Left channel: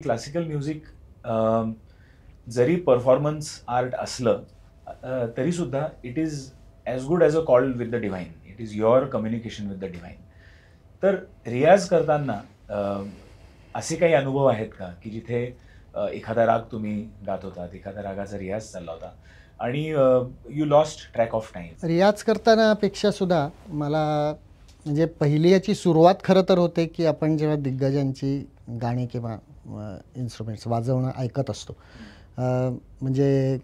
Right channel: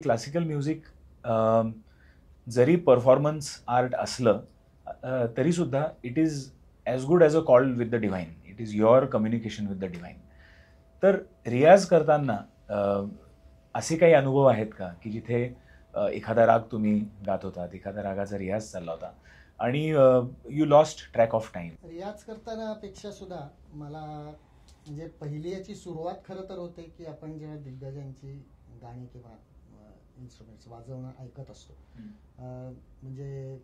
Classical music जरी performance art असलं तरी सुद्धा it is as good as a call with the divine. It is your communication with the divine. तर रियाज करताना असे काही अनुभव आहेत का की जिथे एखादा राग तुम्ही गात होतात, एखाद्या रागाचा रियाज चालला होता आणि you lost track of time? रियाज करताना पेक्षा सुद्धा मला म्हणजे पहिली याची सुरुवात खरं तर होते की आपण जेव्हा दिग्गजांची गाणी किंवा इन्स्ट्रुमेंट्स वाजवणं ऐकत असतो. म्हणजे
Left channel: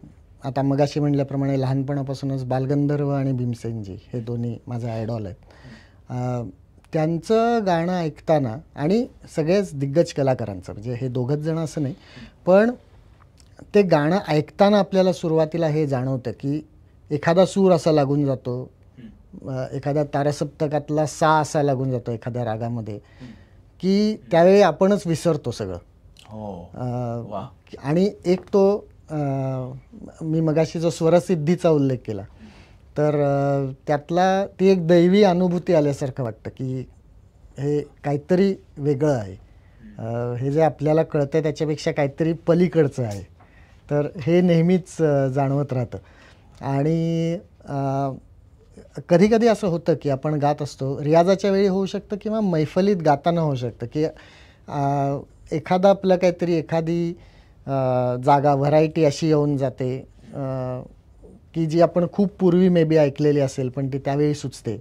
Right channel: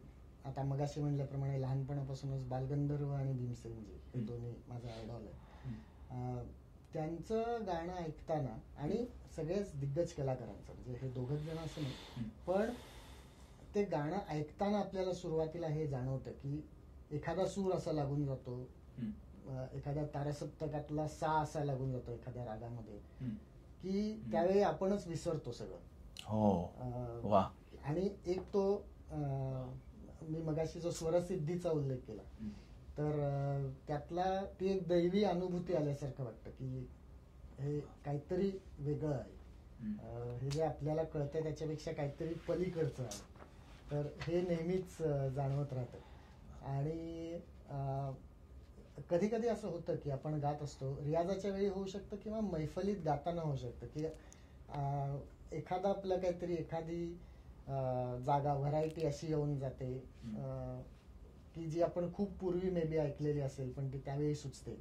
आता मगाशी म्हटल्याप्रमाणे लहानपणापासूनच बालगंधर्व आणि भीमसेनजी हे दोन्ही माझे आयडॉल आहेत. त्यांचं गाणं ऐकताना आणि सगळेच दिग्गज कलाकारांचं, म्हणजे हे दोघंच जण असं नाही, पण ते गाणं ऐकताना आपल्याला सुरुवातीला हे जाणवतं की एखादा सूर असा लागून जातो, एखाद्या तारसप्तकातला सा असा लागून जातो एखाद्या रागामध्ये, की त्यावेळी आपणच विसरतो सगळं. हो. आणि एक तो मी मगाशी जो स्वरसिद्धीचा उल्लेख केला, तर त्यातला ती एक दैवी अनुभूती आल्यासारखं वाटतं की हे काहीतरी वेगळं आहे. हे जे आपल्याला कळतं त्याच्यापेक्षा काहीतरी पलीकडचं आहे. तर हे नेहमीच जाणवत राहतं. आणि कधी कधी असं होतं की आपण गात असतो, रियाजाच्या वेळी होऊ शकतं किंवा मैफलीत गाताना होऊ शकतं की एखादा आपलं काहीतरी एखादी जागा व्हरायटी अशी येऊन जाते की जी आपण खूप पूर्वी मे बी ऐकलेली असेल पण ती त्यावेळी सुचते,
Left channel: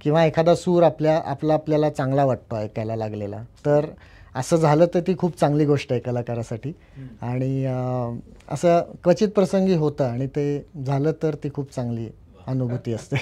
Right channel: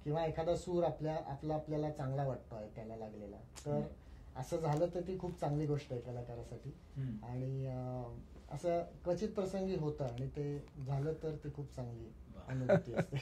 किंवा एखादा सूर आपल्याला चांगला वाटतो ऐकायला लागलेला. तर असं झालं तर ती खूप चांगली गोष्ट आहे कलाकारासाठी. आणि असं क्वचित प्रसंगी होतं आणि ते झालं तर ती खूप चांगली अनुभूती असते.